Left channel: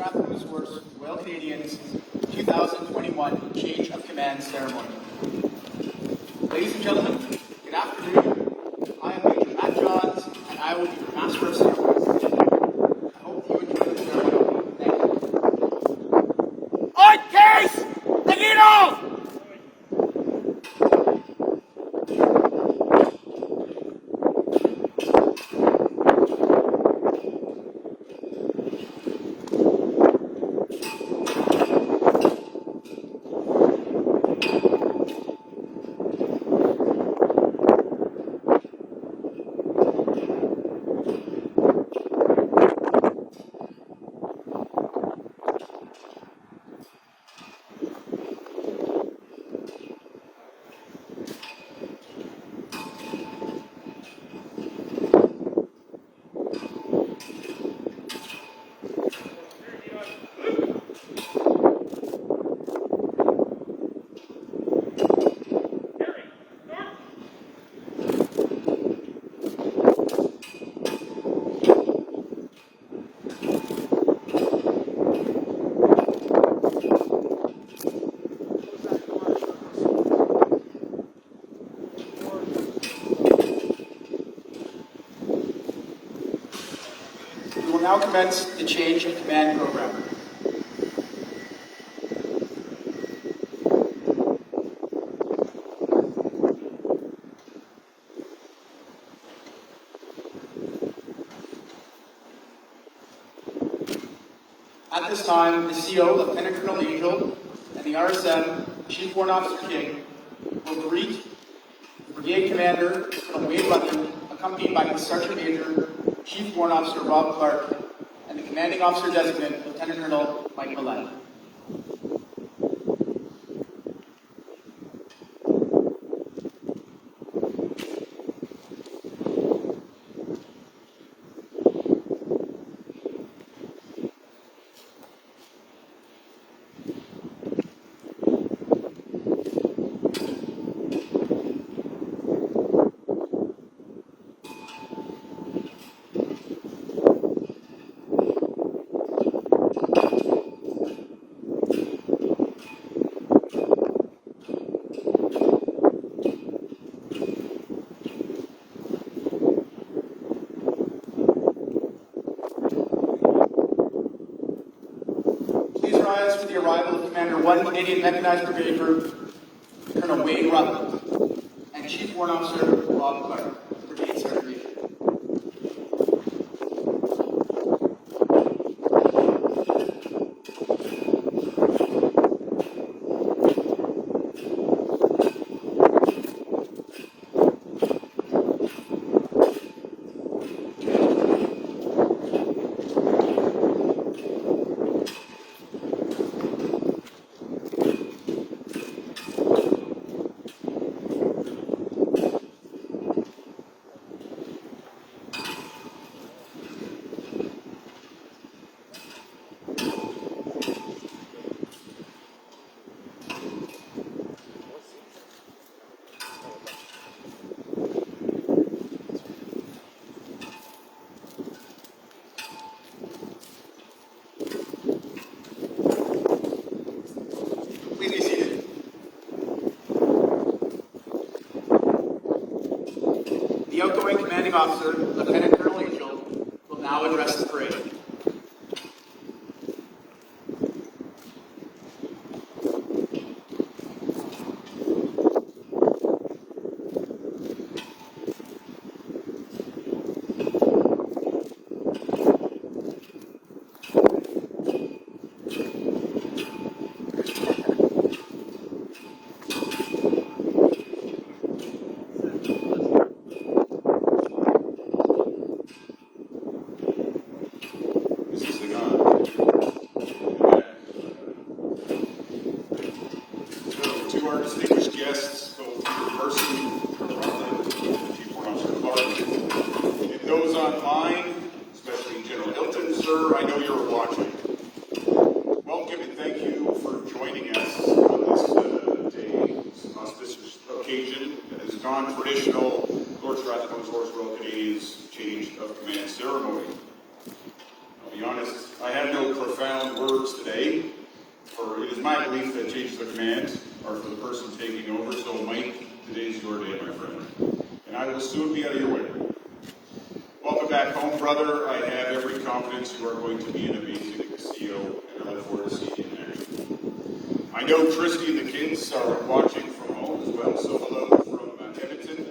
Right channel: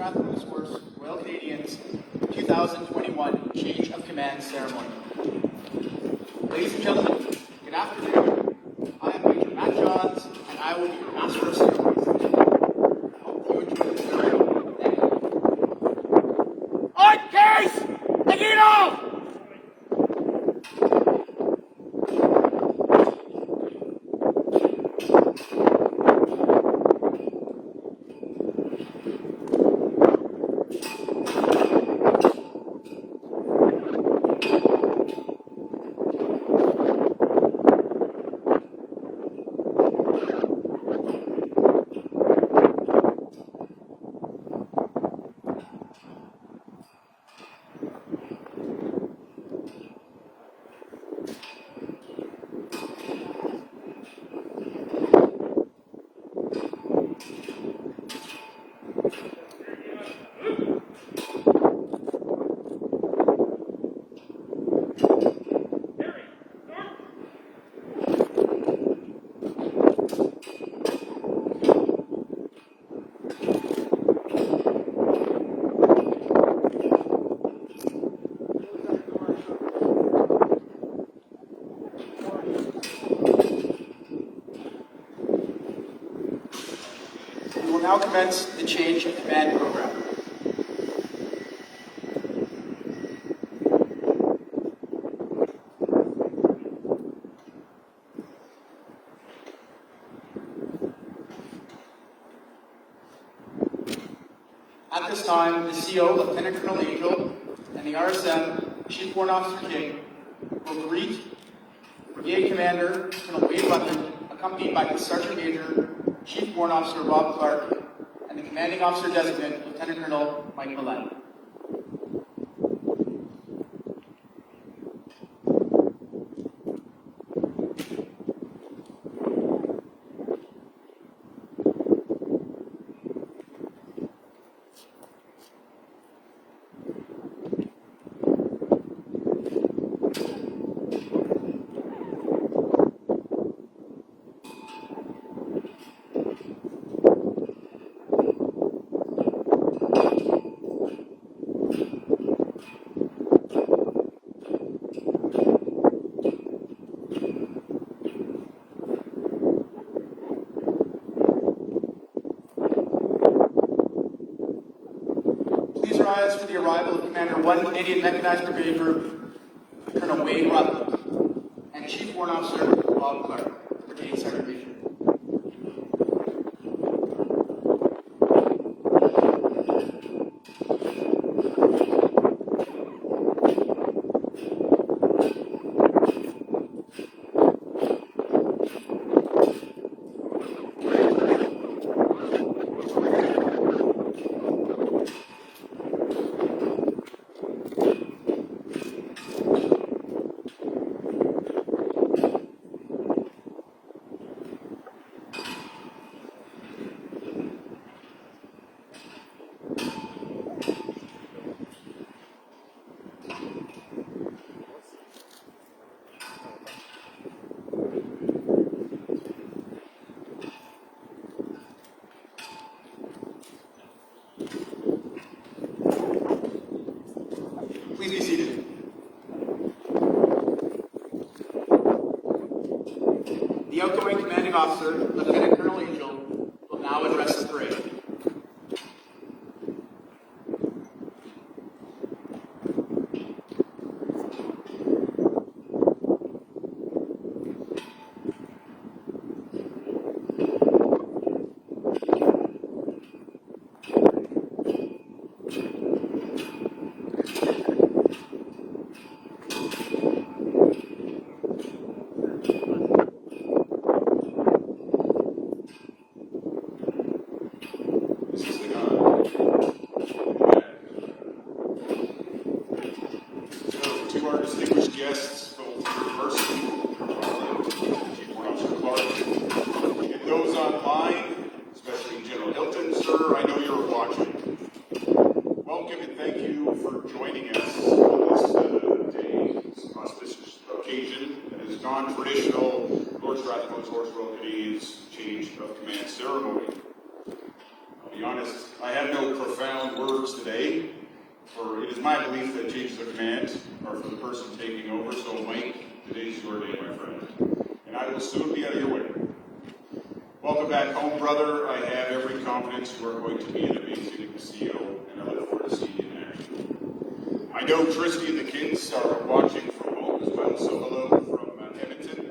Stratford Resource Royal Canadians 2021 Change of Command Ceremony. Ladies and gentlemen, good afternoon. I am Major Matt Johns, and I will be your Master of Ceremonies. I hope you enjoy the ceremony. Thank you. On case! Take it off! We will now commence the Change of Command program. At this time, the CO, Lieutenant Colonel Angell, and the RSM, Chief Warrant Officer King, will greet the Brigade Commander, Colonel Wade Lutton, accompanied by his Sergeant Major, Chief Warrant Officer Rob Clark, and the Commanding Officer Designate, Lieutenant Colonel Mike Mallette. With the arrival of Commander 1 Canadian Mechanized Brigade Group, Colonel Wade Lutton, and Chief Warrant Officer Rob Clark, Brigade Sergeant Major. Please be seated. The outgoing Commanding Officer, Lieutenant Colonel Angell, will now address the parade. To our distinguished guests, University, and those online, especially General Hilton, sir, I know you're watching. Welcome and thank you for joining us on this auspicious occasion. It is non-traditional Lord Stratford Resource Royal Canadians Change of Command ceremony. The honor honest, I have no profound words today, for it is my belief that changes of command are for the person taking over. So, Mike, today's your day, my friend, and I will soon be out of your way. Welcome back home, brother. I have every confidence you are going to be an amazing CO, and I look forward to seeing you in action. I know Tristy and the kids are watching from home as well, so hello from Edmonton.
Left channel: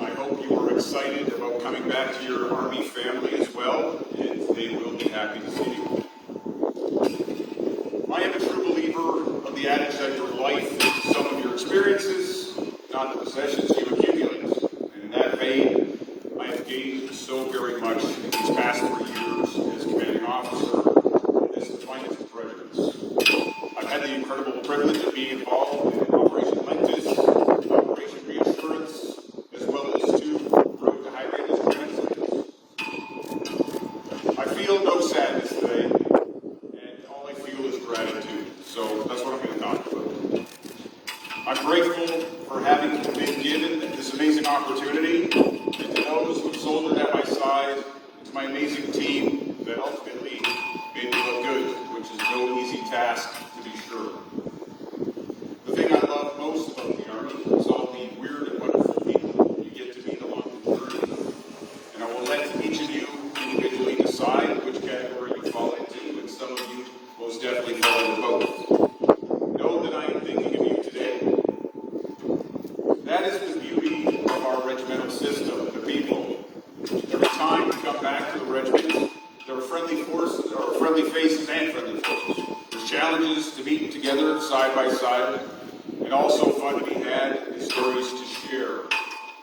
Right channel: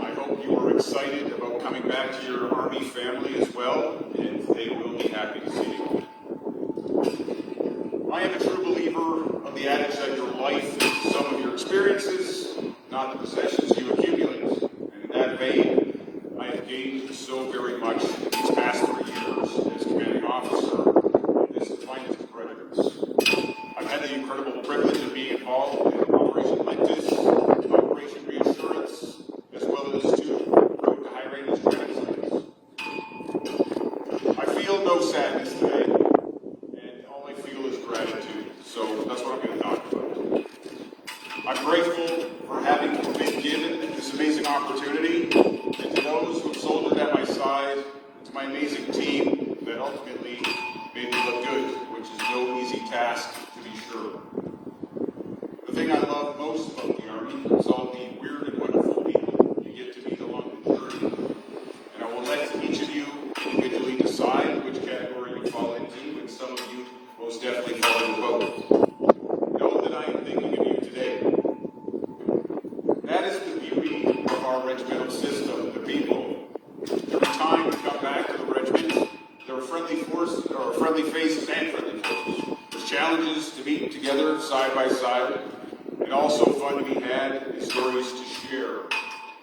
I hope you are excited about coming back to your Army family as well, and they will be happy to see you. I am a true believer of the adage that your life is some of your experiences, not the possessions you accumulate. And in that vein, I have gained so very much in these past 3 years as commanding officer of this flanked regiment. I've had the incredible privilege of being involved in an operation like this, Operation Reassurance, as well as 2 road to high range training sites. I feel no sadness today, and all I feel is gratitude. So that's what I'm going to talk about. I'm grateful for having been given this amazing opportunity, and to those who have soldiered at my side, and to my amazing team that ultimately made me look good, which is no easy task to be sure. The thing I love most about the Army is all the weird and wonderful people you get to meet along the journey. And I will let each of you individually decide which category you fall into, and some of you most definitely fall into both. Know that I am thinking of you today. That is the beauty of our regimental system, the people. Every time you come back to the regiment, there are friendly forces, or friendly faces and friendly forces. There's challenges to meet together side by side, and also fun to be had and stories to share.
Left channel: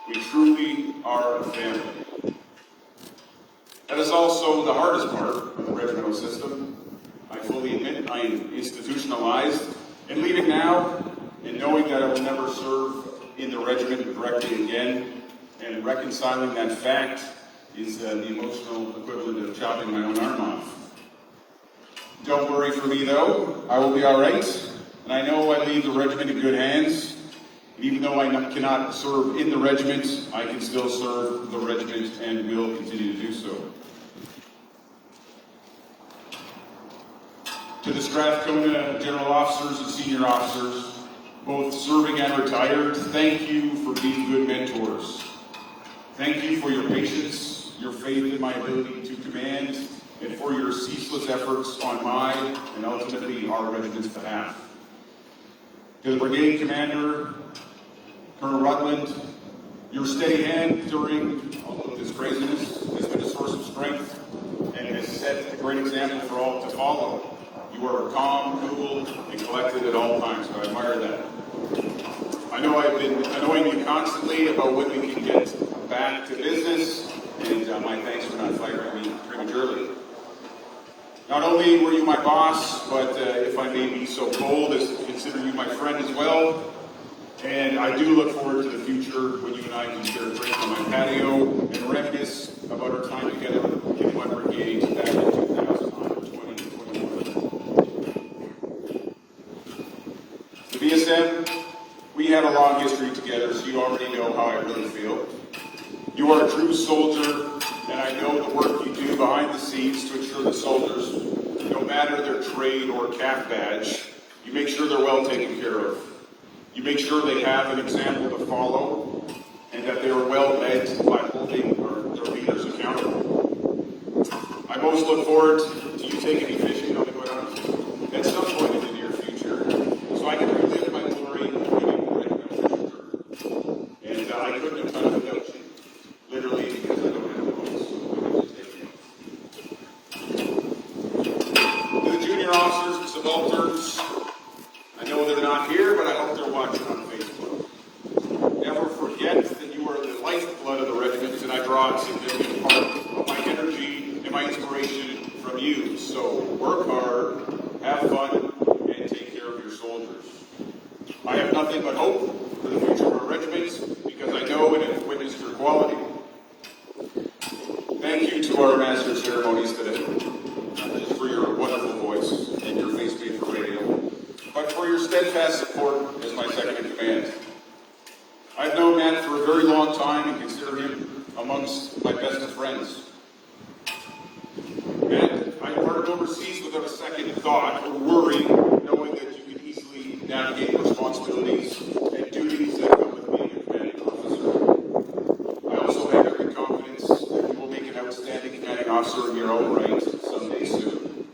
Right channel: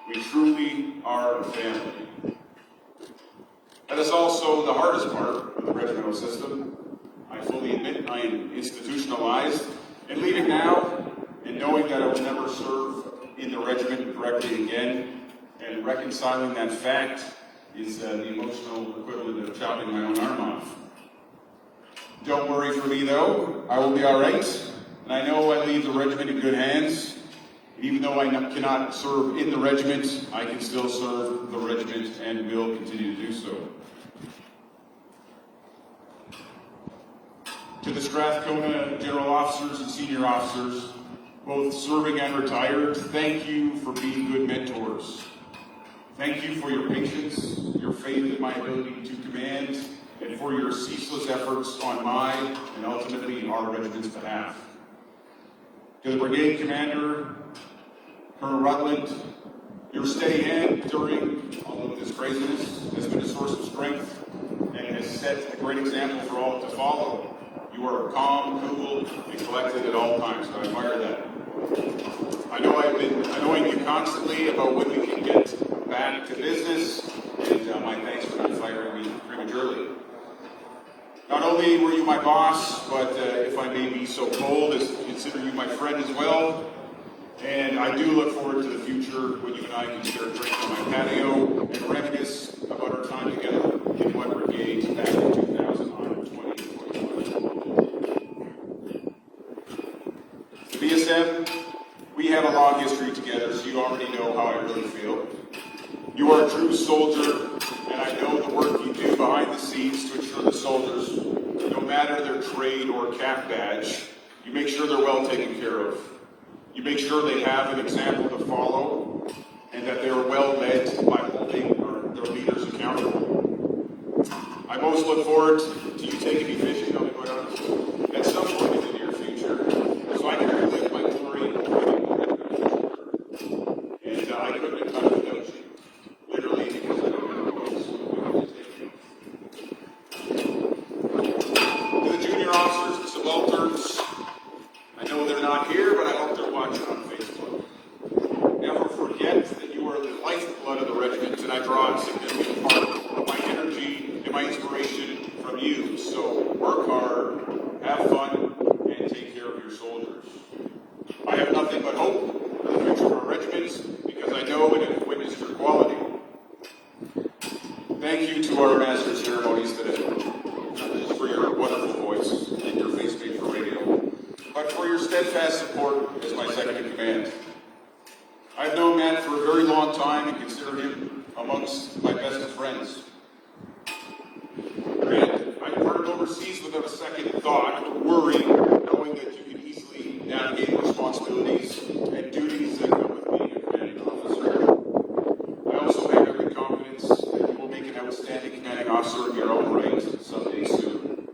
We truly are a family. That is also the hardest part of the regimental system. I fully admit I am institutionalized, and leaving now, and knowing that I will never serve in the regiment directly again, and reconciling that fact is the emotional equivalent of chopping my own arm off. Don't worry for me though, I will be alright, and I know I leave the regiment in good hands. And even though I cannot serve in the regiment, I can still serve the regiment and will continue to do so. To the Strathcona general officers and senior officers, both serving and retired, thank you for being good mentors. Thank you for your patience, your faith in my ability to command, and for your ceaseless efforts on my and ultimately our regiment's behalf. To the brigade commander, Colonel Rutland, your steady hand during all of this craziness has been a source of strength and has set a great example for all to follow. You are calm, cool, and collected at all times, so I admire that. I know I've been annoying you constantly about when we can get back to business, and my thanks for not firing me prematurely. Not only were you my boss, but if I may be so bold as to consider you my friend as well, and I do look forward to the future when you and I can share a drink on my patio and reminisce about our time together in one brigade after 2021. The BSM, we have a long history together, so you already know how I really feel. You are a true soldier, and I know the work you do behind the scenes to ensure the soldiers, no matter their trade or cap badge, you make sure they're well taken care of. You make sure they have an example to follow, and that they are well led by holding their leaders accountable. I most look forward to you taking a vision of what at some point in the near future, so I can relive my glory and I couldn't have done it without you. Literally, because I don't know what else to take you. To the junior officers and subalterns, I know they're not here, but I hope they're watching on Facebook. Never forget that you are the lifeblood of the regiment, and I draw a significant part of my energy and my inspiration from you. So work hard, have fun, and take care of your soldiers. I have nothing but hope for the future of our regiments, because I know and have witnessed your quality. Thank you to our master of ceremonies today for your wonderful voice and your face being for radio, but for your steadfast support as my second in command. I've known Matt for a very long time and consider him amongst my best of friends. Matt, I overseas without a second thought or worry, knowing that you can easily navigate responsibilities and duties that come with being a commanding officer. I also have every confidence that you will make an outstanding commanding officer in your own right someday soon.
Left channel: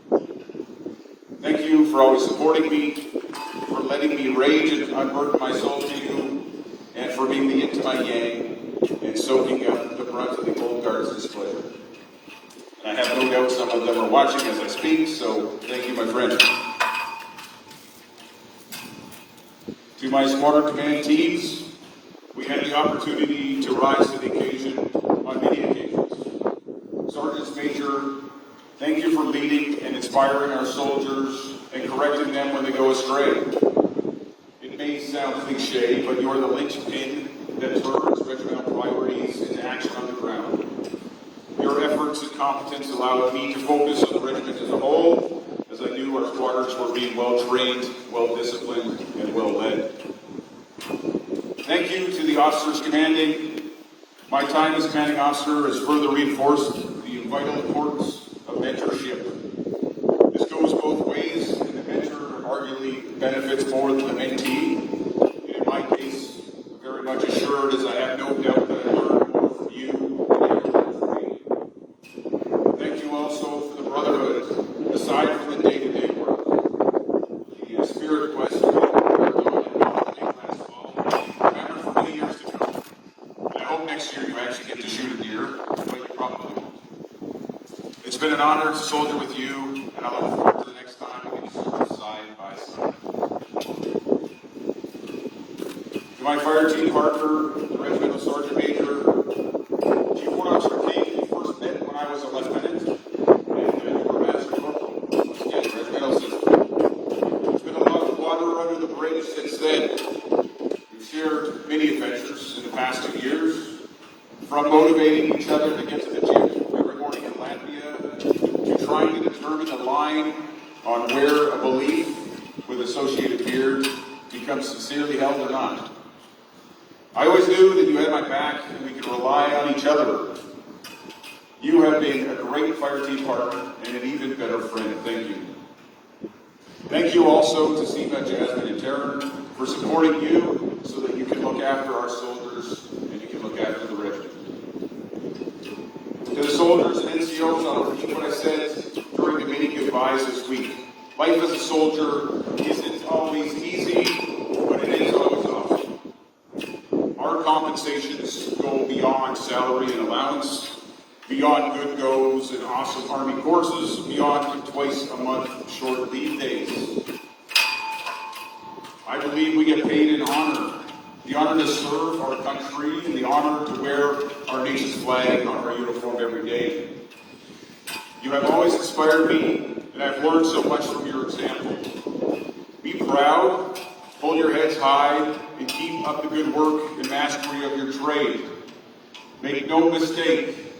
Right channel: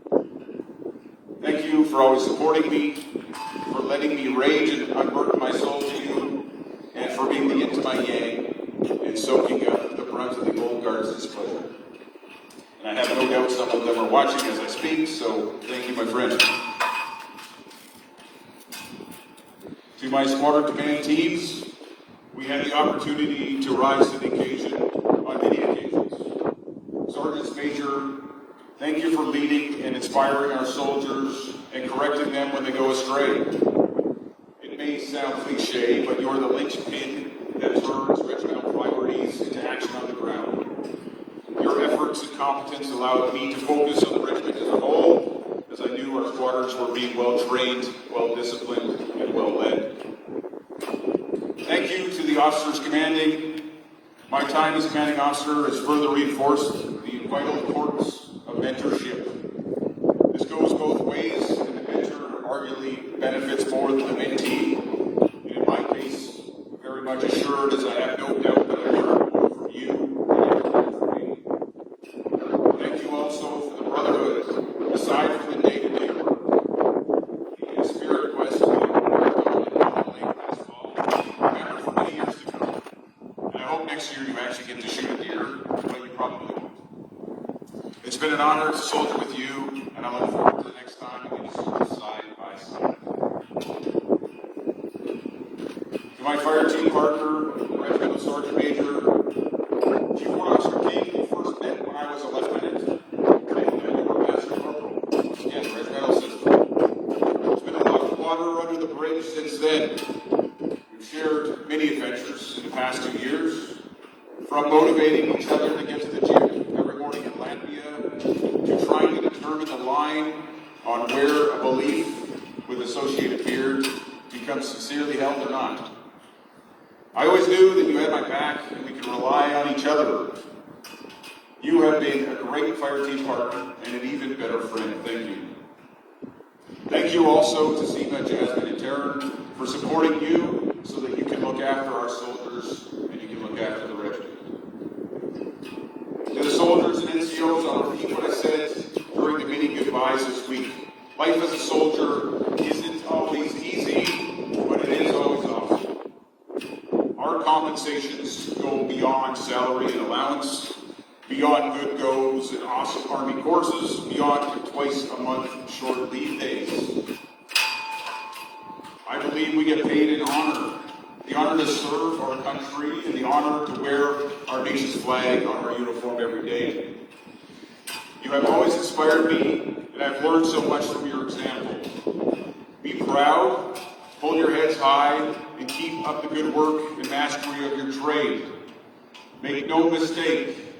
Thank you for always supporting me, for letting me rage and unburden my soul to you, and for being the into my gang and soaking up the brunt of the old guard's displeasure. And I have no doubt some of them are watching as I speak, so thank you, my friend. To my squadron command teams, we had the opportunity to rise to the occasion on many occasions. Sergeants Major, thank you for leading and inspiring our soldiers and correcting them when they go astray. It may sound cliche, but you're the linchpin that turns regimental priorities into action on the ground. Your efforts and competence allowed me to focus on the regiment as a whole, as I knew our squadrons were being well-trained, well-disciplined, and well-led. Thank you to the officers commanding. My time as commanding officer has further reinforced the vital importance of mentorship. This goes both ways, and the mentor arguably benefits more than the mentee. In my case, very much assured, as I have no doubt that I learned more from you than you learned from me. Thank you also for the brotherhood, aside from the day-to-day work. The spirit quest last fall, remember for many years to come. I hope next year you actually get to shoot a deer, but you probably won't. It's been an honor to soldier with you, and I look forward to the next time we serve side by side. To my fire team partner, Regimental Sergeant Major, Chief Warnock King, we first met when I was a lieutenant. I remember as a corporal. At LCol. It's been a lot of water under the bridge since then. We've shared many adventures in the past 2 years, from motivating each other to get to the gym every morning in Latvia, to trying to determine a line on where a belief with associated beard becomes sincerely held or not. I always knew that you had my back and we could rely on each other. You have been a great fire team partner and an even better friend. Thank you. Thank you also to SEMA, Jasmine, and Taryn for supporting you so that you can look after our soldiers and you can look after the regiment. To the soldiers and NCOs, I'll repeat what I said during the many goodbyes this week. Life as a soldier isn't always easy, but it is always awesome. Our compensations go beyond salary and allowance, beyond good goes and awesome Army courses, beyond twice a month short leave days. I believe we get paid in honor. The honor to serve our country, and the honor to wear our nation's flag on our uniform every day. You have always inspired me, and I've learned so much from your example. Be proud, hold your heads high, and keep up the good work and mastery of your trade. Make no mistake,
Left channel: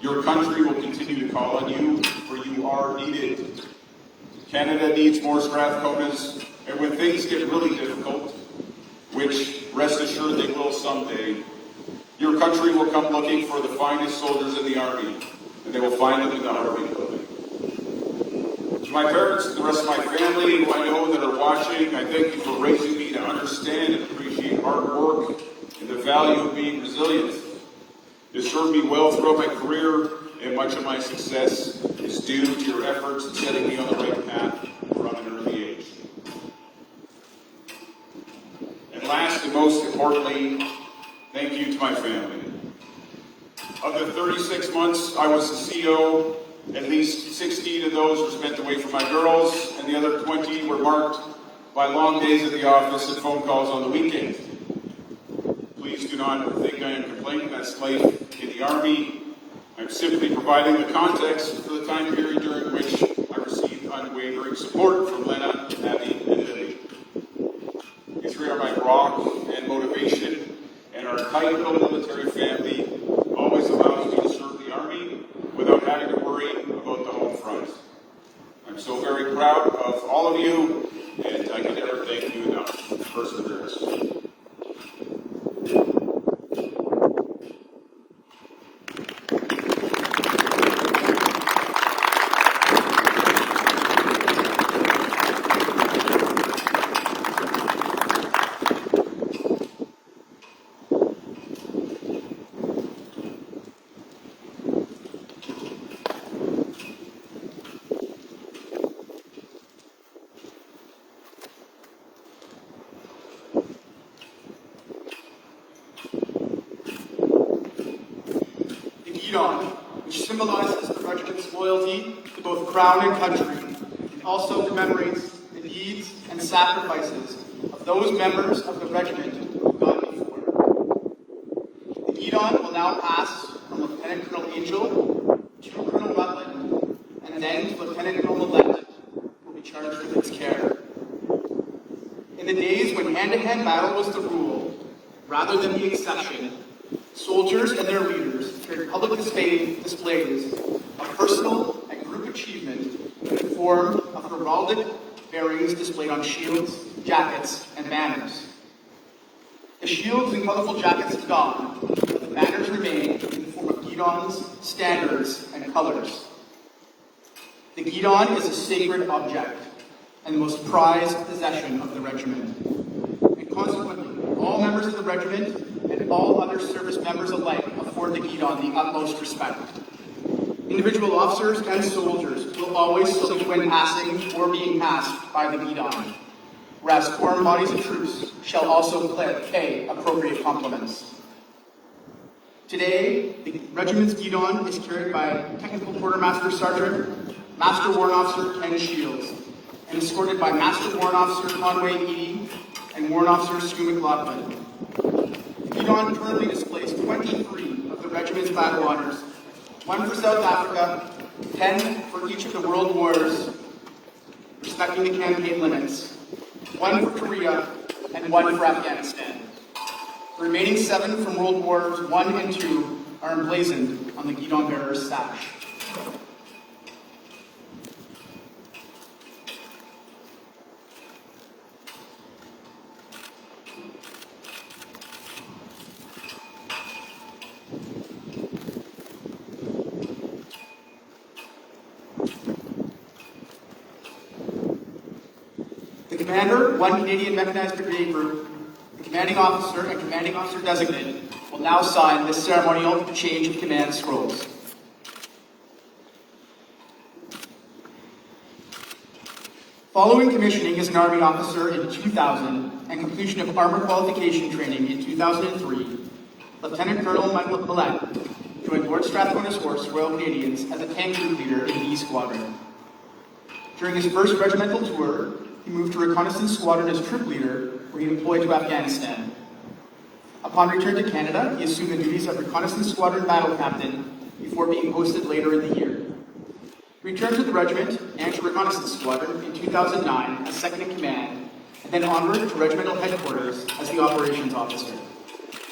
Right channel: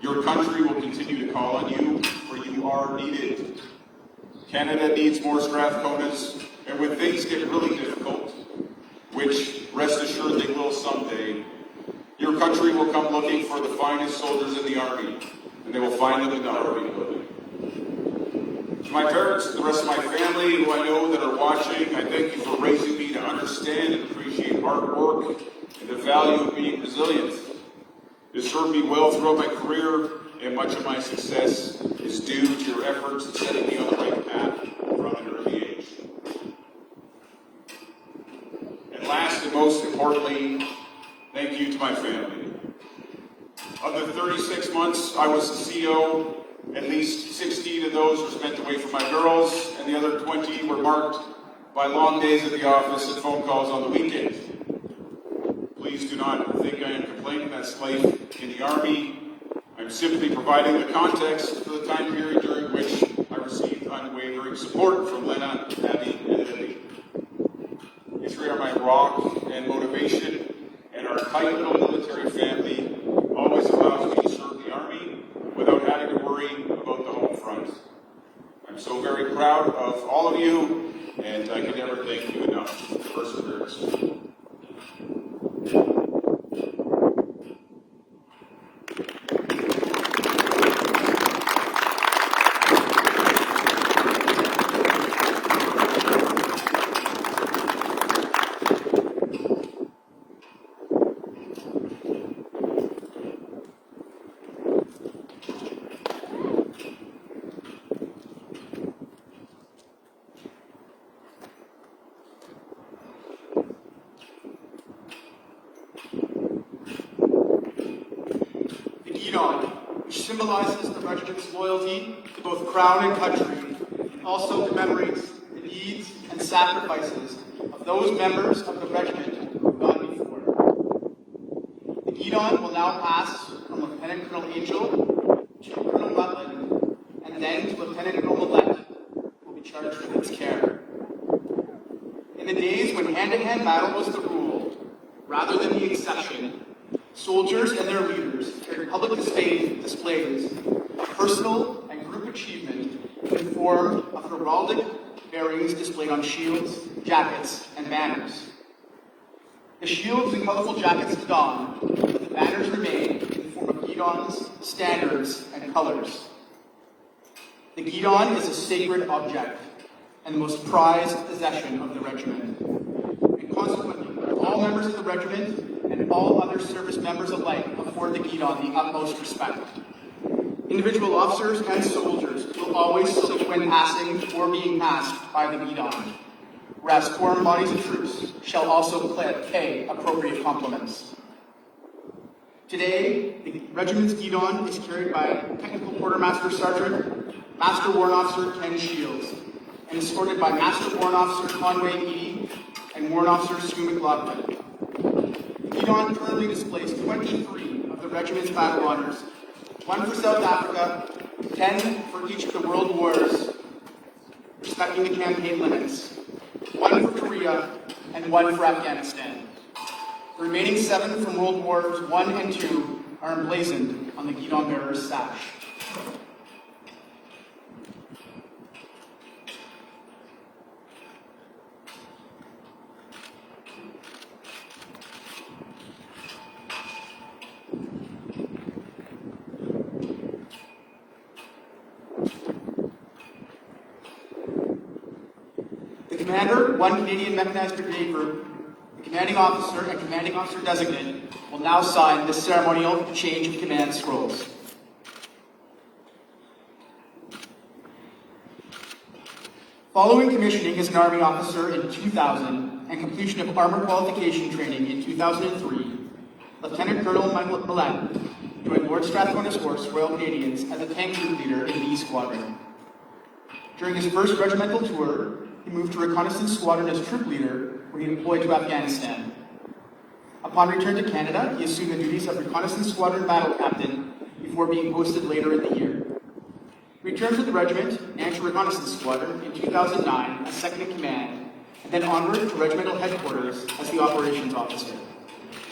your country will continue to call on you, for you are needed. Canada needs more Strathconas, and when things get really difficult, which rest assured they will someday, your country will come looking for the finest soldiers in the Army, and they will find them in the Army. To my parents and the rest of my family who I know that are watching, I thank you for raising me to understand and appreciate hard work and the value of being resilient. It has served me well throughout my career, and much of my success is due to your efforts in setting me on the right path from an early age. And last and most importantly, thank you to my family. Of the 36 months I was the CO, at least 16 of those were spent away from my girls, and the other 20 were marked by long days at the office and phone calls on the weekend. Please do not think I am complaining. That's life in the Army. I'm simply providing the context for the time period during which I received unwavering support from Lena, Abby, and Lily. You three are my rock and motivation, and our tight little military family always allows me to serve the Army without having to worry about the home front. I'm so very proud of all of you, and I can never thank you enough for perseverance. Guidon, which symbolizes the regiment's loyalty to both crown and country, and also the memories, the deeds, and sacrifices of those members of the regiment who have gone before. The Guidon will now pass from Lieutenant Colonel Angell to Colonel Rutland, and then to Lieutenant Colonel Mallette, who will be charged with its care. In the days when hand-to-hand battle was the rule, rather than the exception, soldiers and their leaders made public displays of personal and group achievement in the form of heraldic bearings displayed on shields, jackets, and banners. The shields and colorful jackets donned, but the banners remained in the form of guidons, standards, and colors. The guidon is a sacred object and the most prized possession of the regiment. And consequently, all members of the regiment and all other service members alike afford the guidon the utmost respect. Individual officers and soldiers will always salute when passing or being passed by the guidon, whereas foreign bodies of troops shall also pay appropriate compliments. Today, the regiment's guidon is carried by Technical Quartermaster Sergeant, Master Warrant Officer Ken Shields, and escorted by Master Warrant Officer Conway Eady and Warrant Officer Sue McLaughlin. The guidon currently displays 23 of the regiment's battle honors, 1 for South Africa, 10 for each of the world wars, respecting the campaign limits, 1 for Korea, and 1 for Afghanistan. The remaining 7 from World Wars I and II are emblazoned on the guidon bearer's sash. The commander, 1 Canadian Mechanized Brigade Group, the commanding officer and commanding officer designate will now sign this ceremonial change of command scrolls. Following commissioning as an Army officer in 2000 and completion of armor qualification training in 2003, Lieutenant Colonel Mallette joined Lord Strathcona's Horse Royal Canadians as a tank troop leader in B Squadron. During his first regimental tour, he moved to Reconnaissance Squadron as troop leader, where he deployed to Afghanistan. Upon return to Canada, he assumed the duties of Reconnaissance Squadron Battle Captain before being posted later in the year. He returned to the regiment and to Reconnaissance Squadron in 2009 as second in command, and then onward to regimental headquarters as the operations officer.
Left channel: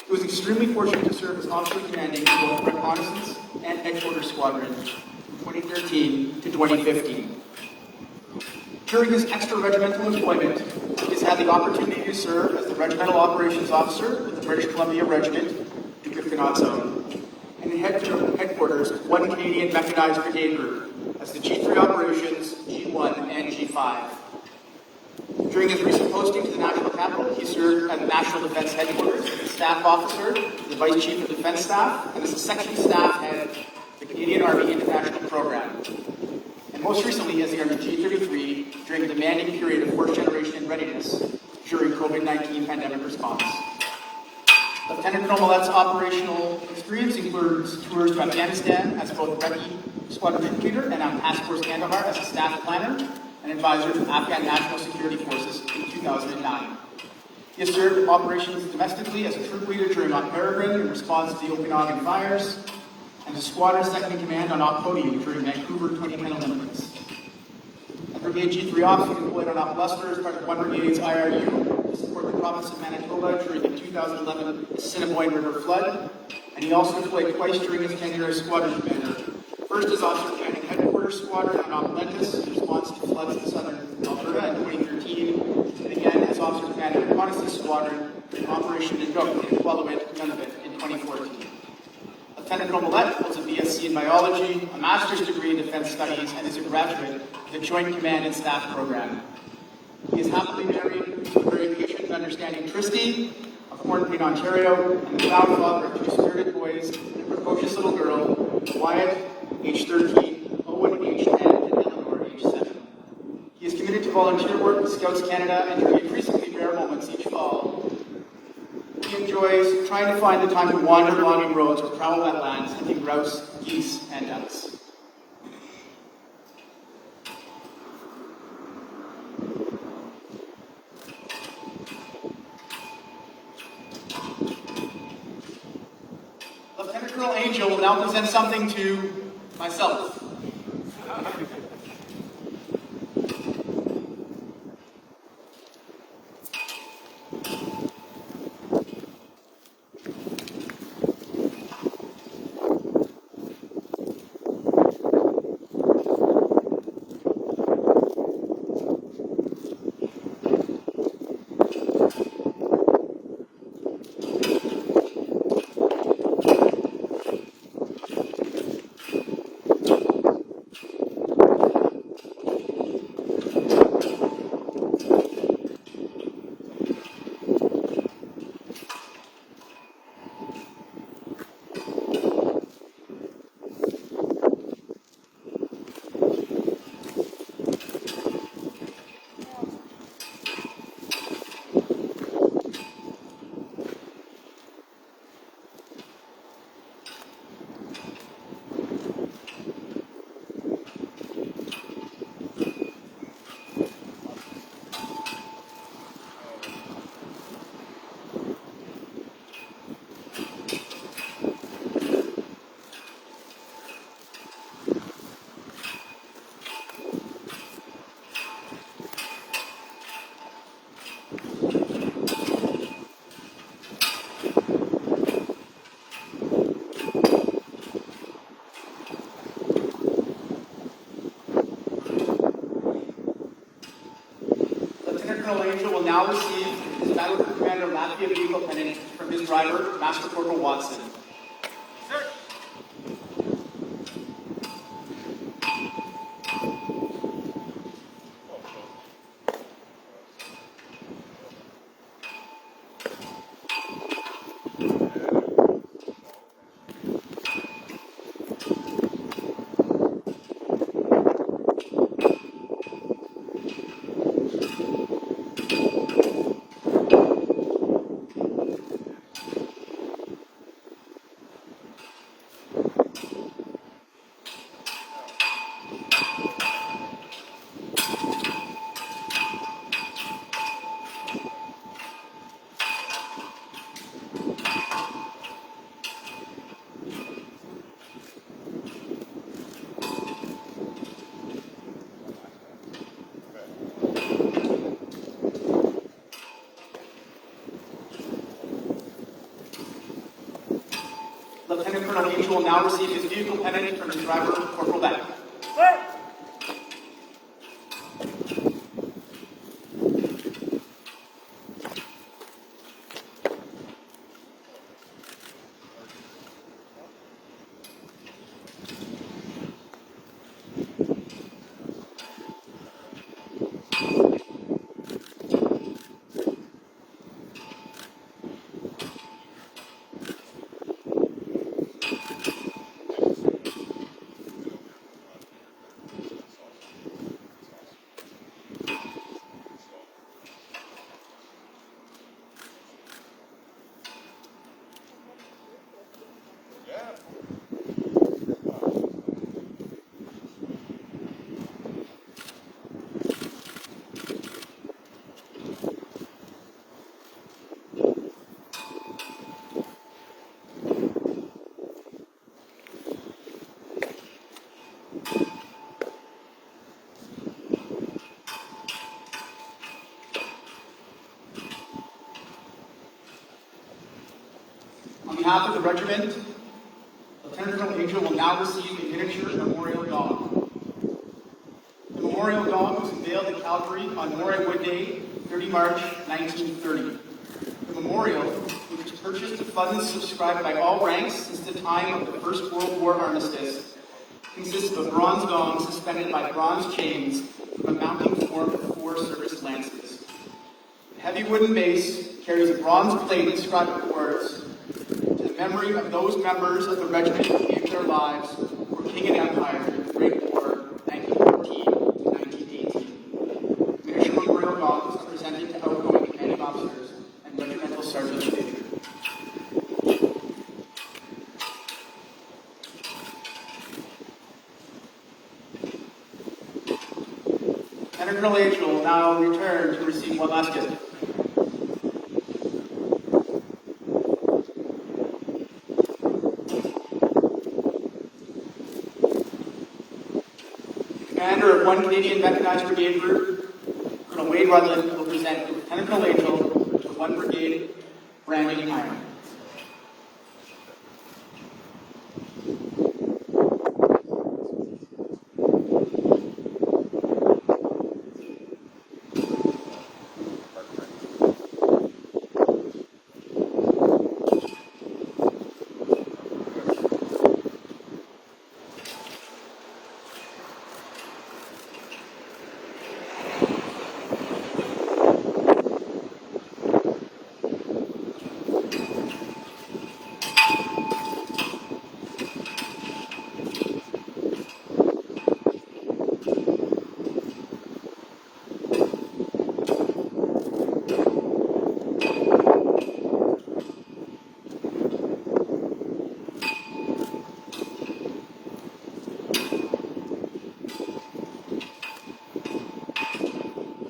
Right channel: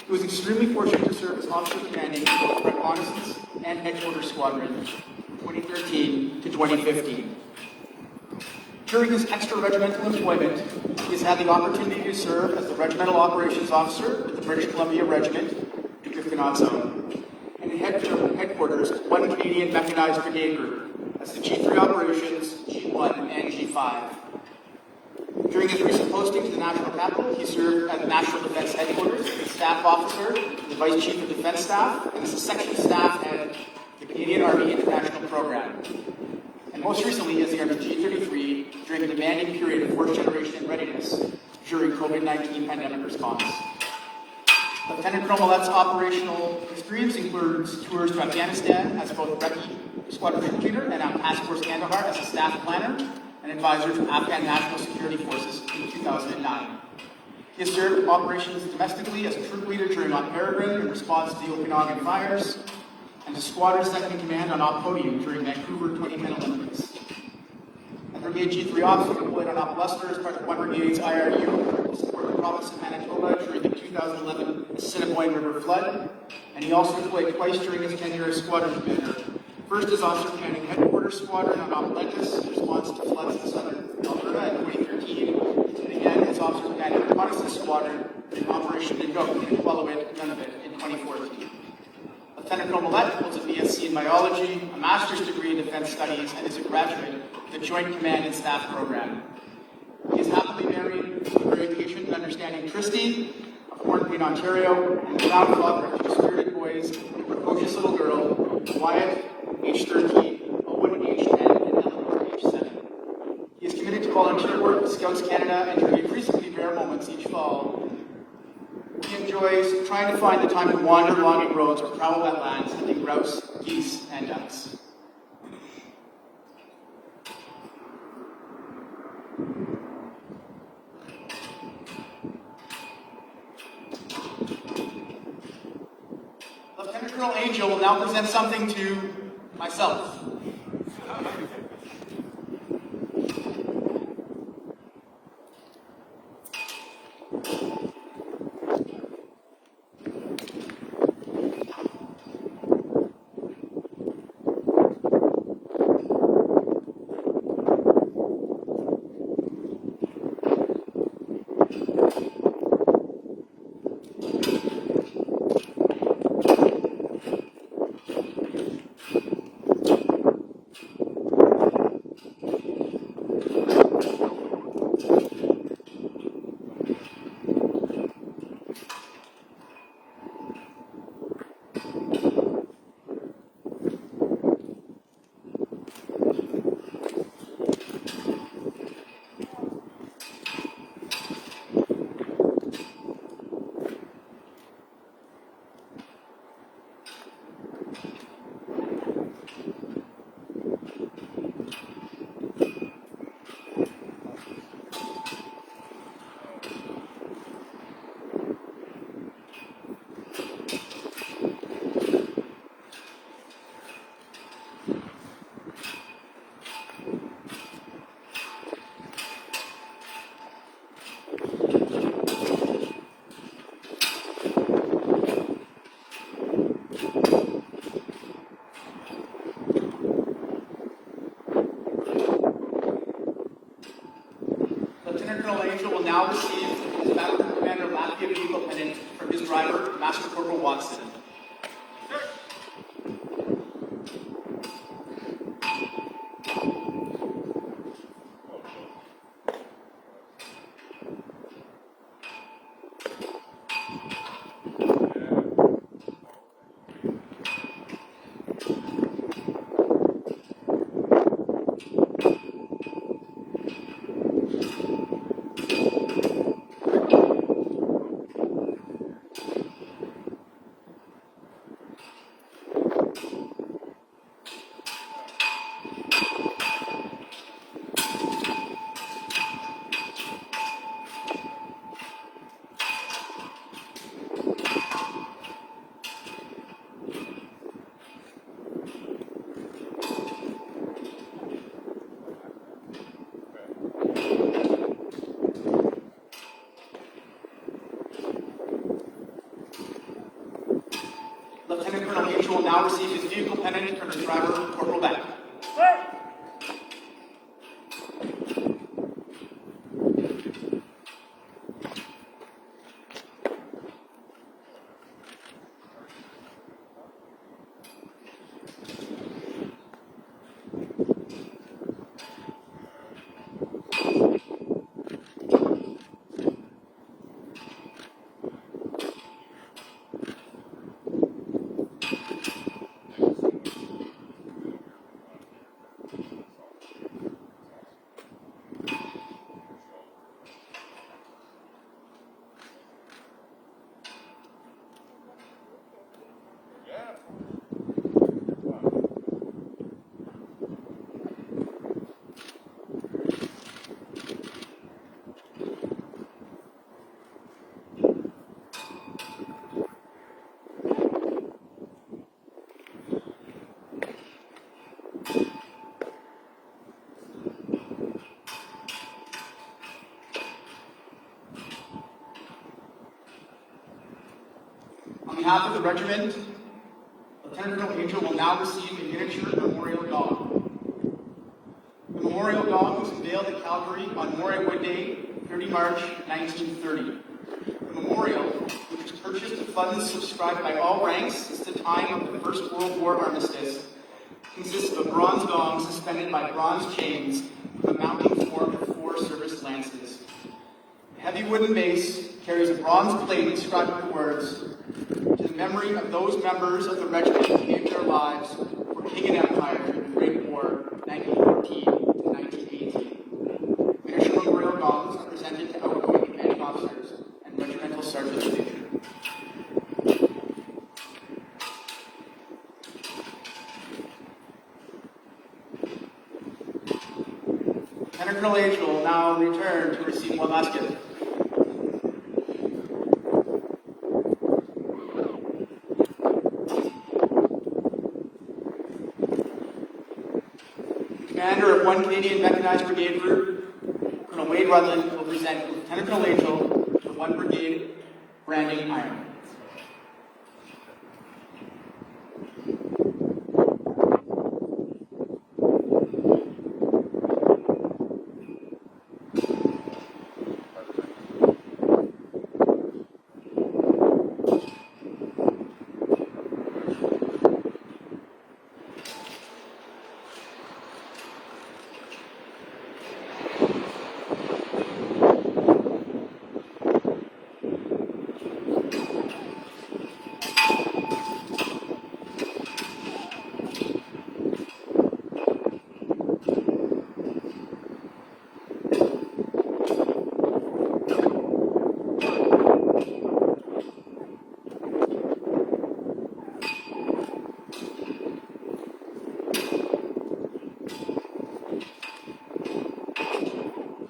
He was extremely fortunate to serve as officer commanding in both Reconnaissance and Headquarters Squadron from 2013 to 2015. During his extra-regimental employment, he has had the opportunity to serve as the Regimental Operations Officer with the British Columbia Regiment, Duke of Canotzo, and in headquarters, 1 Canadian Mechanized Brigade Group, as the G3 Operations, G1, and G5. During his recent posting to the National Capital, he served at the National Defense Headquarters as a Staff Officer, the Vice Chief of Defense Staff, and as a Section Staff Head of the Canadian Army International Program. And most recently as the Army G33 during the demanding period of first-generation readiness during COVID-19 pandemic response. Lieutenant Colonel Mallette's operational experience includes tours to Afghanistan as both Recce Squadron Troop Leader and on Task Force Kandahar as a staff planner and advisor to Afghan National Security Forces in 2009. He has served operations domestically as a troop leader during Mount Peregrine in response to the Okanagan fires, and as squadron second in command on Op Podium during Vancouver 2010 Olympics. And Brigade G3 Officer deployed on Op Leicester as part of 1 Brigade's IRU to support the province of Manitoba during the 2011 Assiniboine River flood, and he also deployed twice during his tenure as squadron commander. First as officer commanding Headquarters Squadron on Op Lentis in response to floods in southern Alberta in 2013, and again as officer commanding Reconnaissance Squadron in Operation Nunavut in Nunavut in 2014. Lieutenant Colonel Mallette holds a BSc in Biology, a Master's degree in Defense Studies, and is a graduate of the Joint Command and Staff Program. He is happily married to very patient and understanding Christy, of Portland, Ontario, and the proud father of 2 spirited boys, a precocious little girl, Wyatt, age 13, Owen, age 10, and Eleanor, age 7. He is committed to volunteer work with Scouts Canada and to increasingly rare moments each fall. He enjoys trying to find the time to wander logging roads or travel wetlands, grouse, geese, and ducks. Lieutenant Colonel Angell will now present something to myself. Lieutenant Colonel Angell will now receive his Battle Commander Lafayette Eagle Pennant from his driver, Master Corporal Watson. Lieutenant Colonel Angell will now receive his vehicle pennant from his driver, Corporal Beck. On behalf of the regiment, Lieutenant Colonel Angell will now receive a miniature memorial gong. The memorial gong was unveiled at Calgary on Memorial Day, 30 March 1930. The memorial, which purchased the funds subscribed by all ranks since the time of the First World War armistice, consists of a bronze gong suspended by bronze chains from a mounting form of 4 service lances. The heavy wooden base carries a bronze plate inscribed with the words, "To the memory of those members of the regiment who gave their lives for King and Empire during the Great War, 1914 to 1918. Miniature memorial gongs are presented to outgoing commanding officers and regimental sergeants. Lieutenant Colonel Angell will now return to receive one last gift. Commander of 1 Canadian Mechanized Brigade Group, Colonel Wade Rutland, will present Lieutenant Colonel Angell to 1 Brigade branding iron.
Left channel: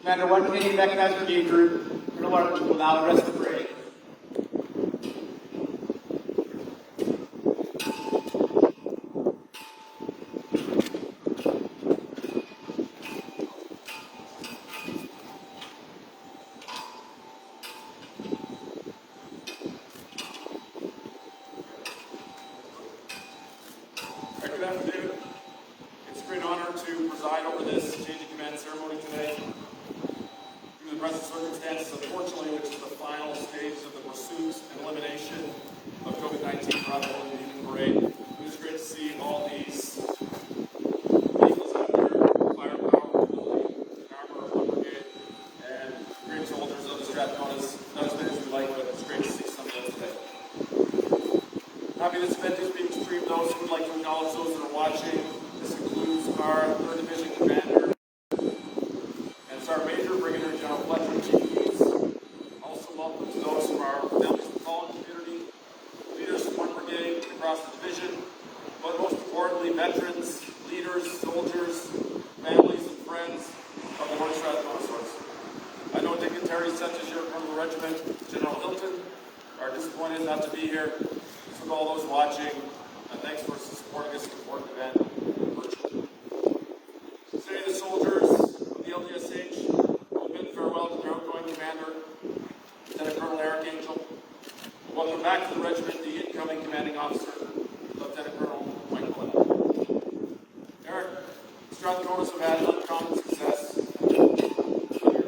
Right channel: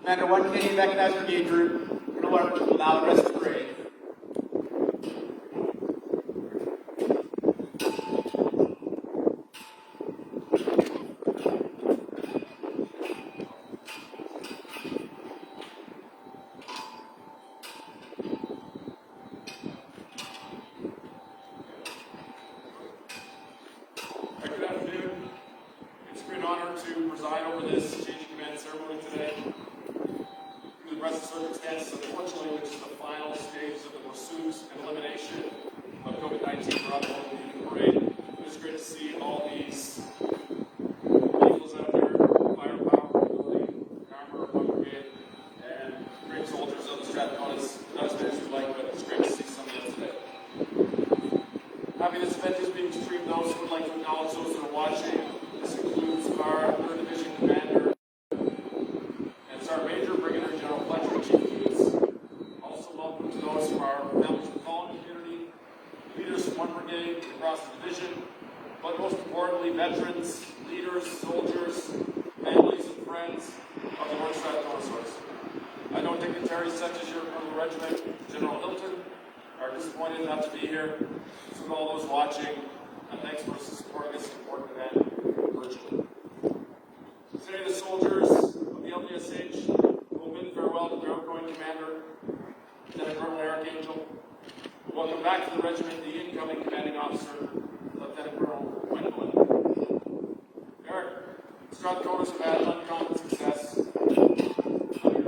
Commander 1 Canadian Mechanized Brigade Group, Colonel Rutland will now address the parade. Good afternoon. It's a great honor to preside over this change of command ceremony today. In the present circumstances, unfortunately, which is the final stage of the pursuit and elimination of COVID-19 travel and the parade, it is great to see all these vehicles out there, firepower, ability, the armor of our brigade, and great soldiers of the Strathcona's not as busy as life, but it's great to see some of them today. Happy this event is being streamed. Those who would like to acknowledge those that are watching. This includes our 3rd Division Commander and Sergeant Major Brigadier General Fletcher, Chief of Police. Also welcome to those from our families of the fallen community, leaders from 1 Brigade across the division, but most importantly, veterans, leaders, soldiers, families, and friends of the North Strathcona Source. I know dignitaries such as your from the regiment, General Hilton, are disappointed not to be here. To all those watching, thanks for supporting this important event virtually. Today, the soldiers of the LdSH will bid farewell to their outgoing commander, Lieutenant Colonel Angell. Welcome back to the regiment, the incoming commanding officer, Lieutenant Colonel Mallette. Eric, Strathcona's have had uncommon success under your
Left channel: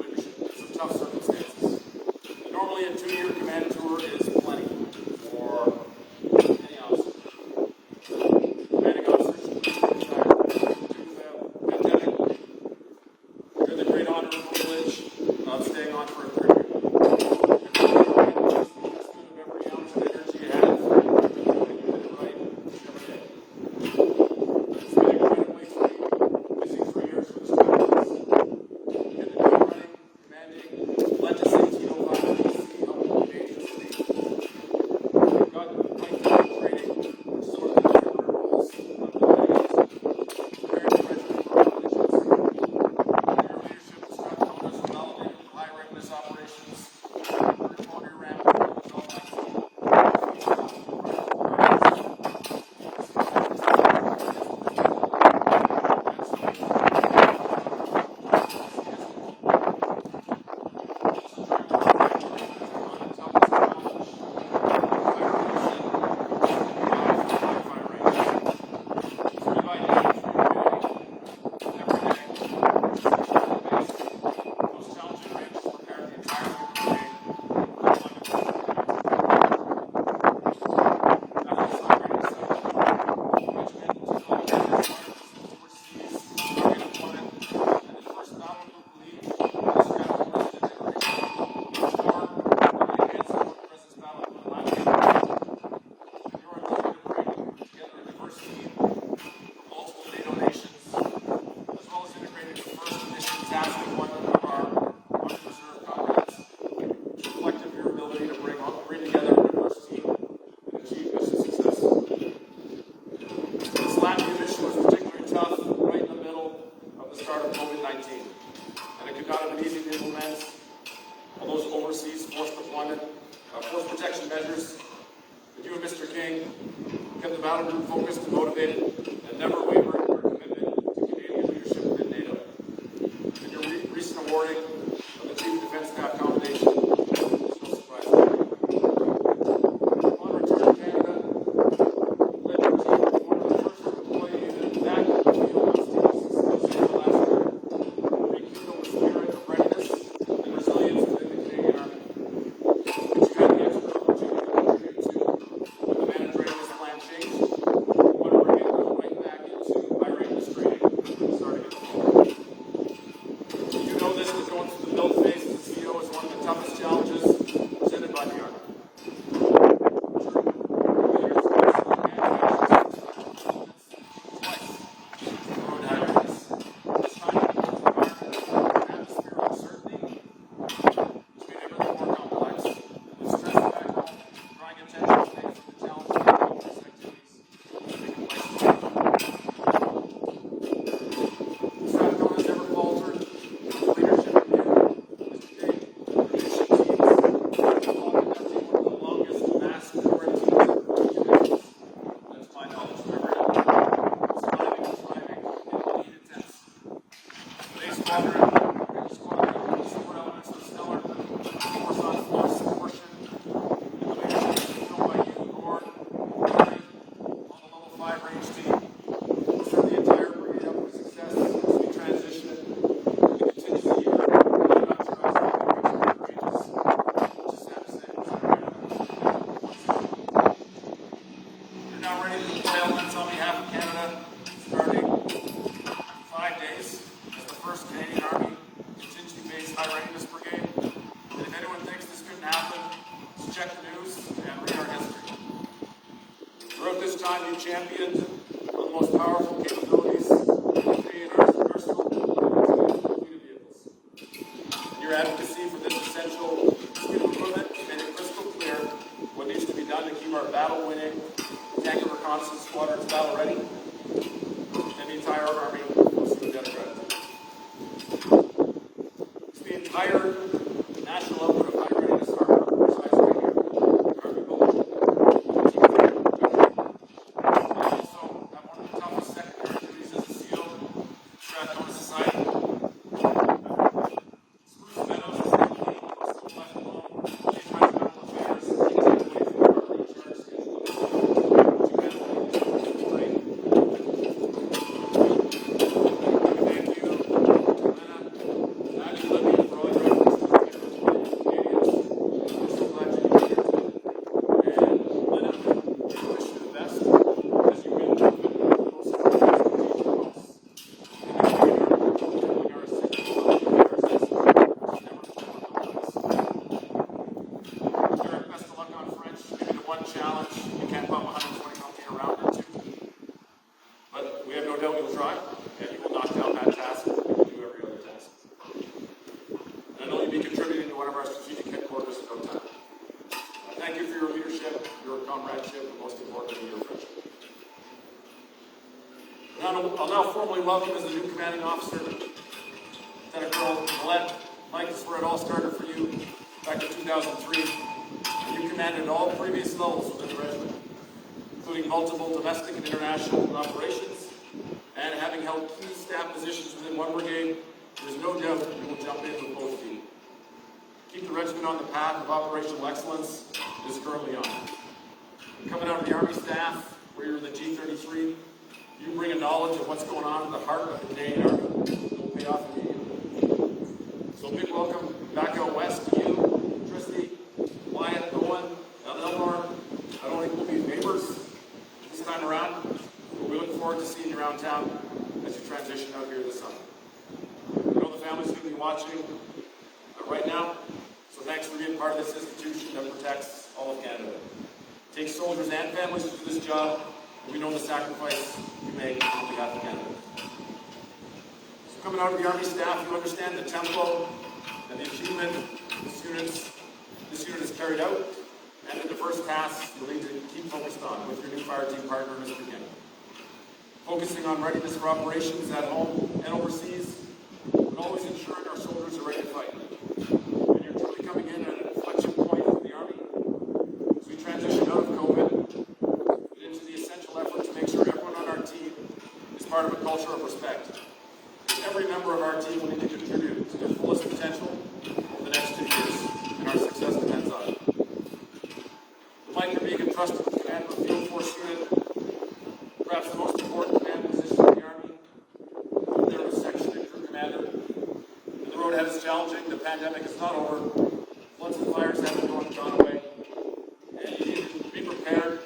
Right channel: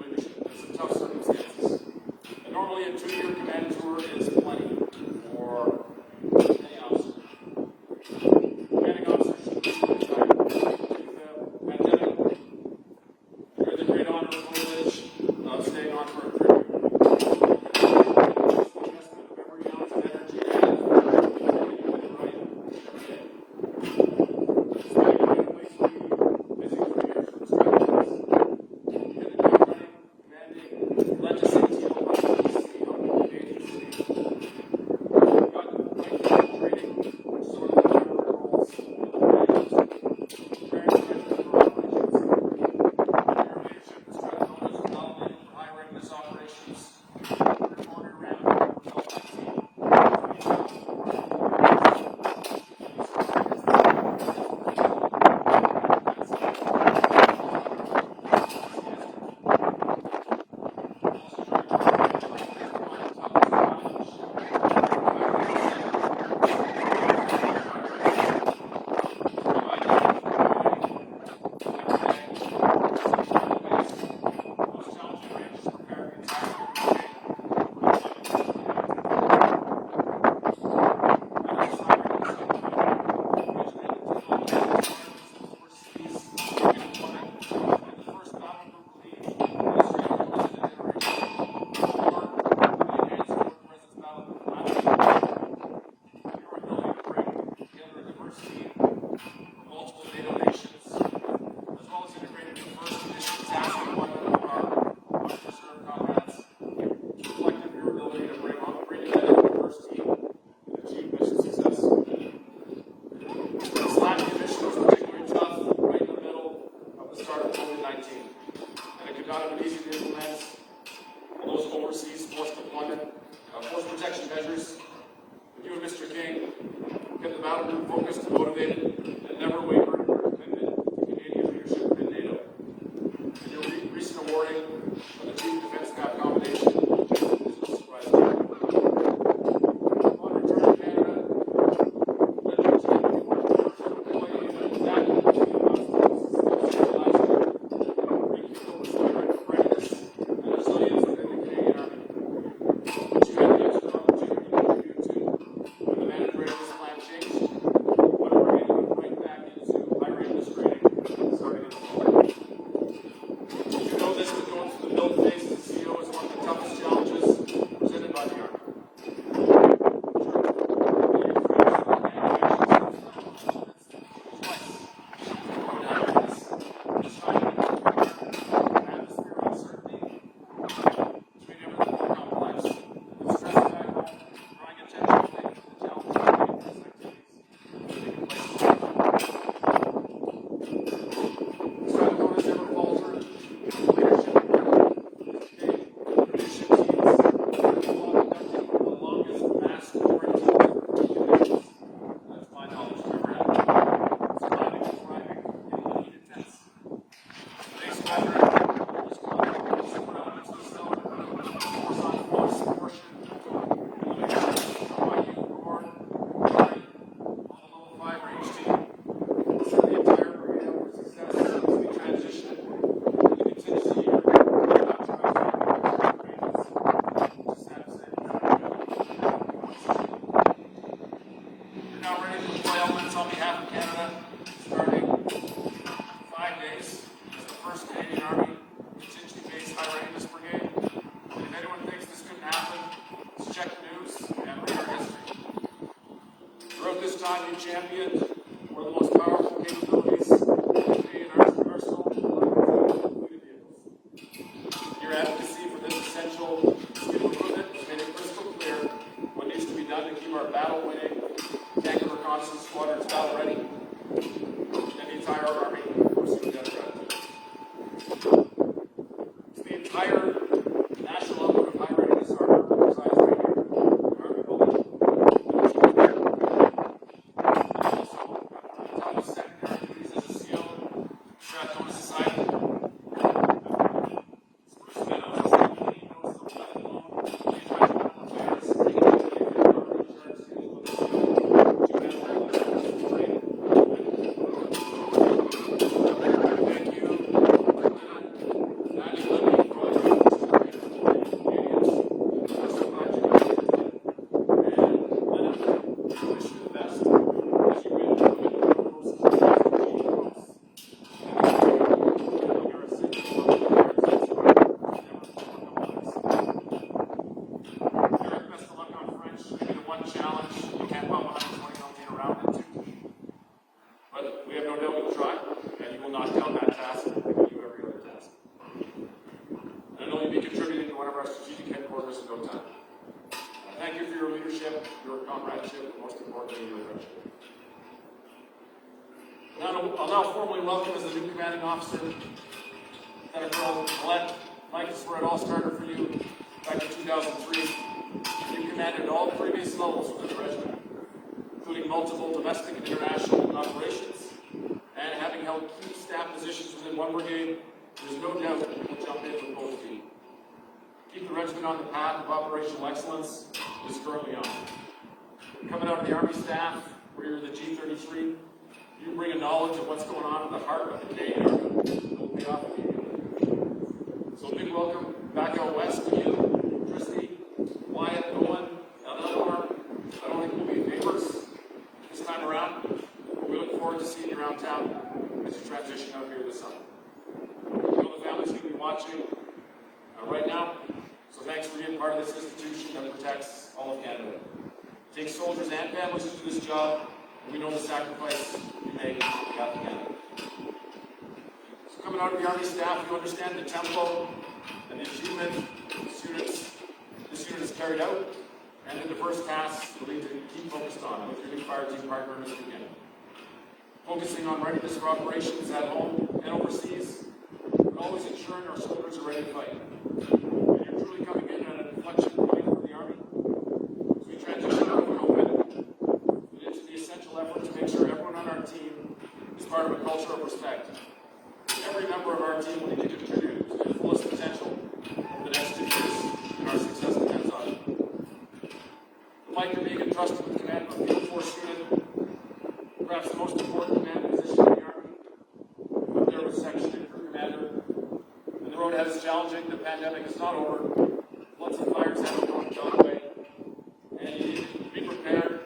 leadership in some tough circumstances. And normally, a 2-year command tour is plenty for any officer. Commanding officers should be with the great honor and privilege of staying on for a period. Every ounce of energy you have, operation got to be easy to implement those overseas force deployment, force protection measures. You and Mr. King kept the battle group focused and motivated and never wavered in our commitment to Canadian leadership in NATO. Your recent awarding of the Chief Defence Staff Commendation is no surprise. On return to Canada, Liberty formed the first employee that back in the United States last year, rekindled the spirit of readiness and resilience within the Canadian Army. This training has an opportunity to contribute to the managed readiness plan change, one we're going right back into higher readiness training starting in October. You know this, we're going through the build phase as the CEO is one of the toughest challenges presented by the Army. On behalf of Canada, starting 5 days as the first Canadian Army contingent-based high readiness brigade. And if anyone thinks this couldn't happen, just check the news and read our history. Throughout this time, you championed one of the most powerful capabilities in Canadian arsenal and vehicles. Your advocacy for this essential improvement made it crystal clear what needs to be done to keep our battle-winning tank reconnaissance squadrons battle ready, and the entire Army forces together ready. It's the entire national level of high readiness Army resides right here. Army also, one of the toughest secondary duties as a SEAL for our own society. Challenge, we can't put 120 millimeter round into. But we have no doubt you'll try, and you will not down that task and do every other task. And you'll be contributing to one of our strategic headquarters in no time. Thank you for your leadership, your comradeship, and most importantly, your friendship. I'll now formally welcome as a new commanding officer, LCol Mallette. Mike, this is where it all started for you back in 2003. You commanded at all previous levels within the regiment, including multiple domestic and international operations, and having held key staff positions within one brigade, there's no doubt that you will jump in with both feet. Keep the regiment on the path of operational excellence is firmly on. Coming out of the Army staff, where you're in the G33, you bring a knowledge of what's going on in the heart of the Canadian Army. It will pay off for you. So a big welcome back out west to you, Tristy, Wyatt, Owen, Eleanor, neighbors this time around. We look forward to seeing you around town as you transition out here this summer. I know the family's going to be watching right now, so thanks for being part of this institution that protects all of Canada. It takes soldiers and families to do this job, and we know the sacrifice you made on behalf of Canada. So coming out of the Army staff, you understand the tempo and the achievement this unit is carried out, and the first task you'll need to keep focused on with your new fire team partner, Mr. King. Focusing on readiness for operations at home and overseas, and always ensuring our soldiers are that's challenging. The pandemic is not over. Once the fires have been gone away, and you can be prepared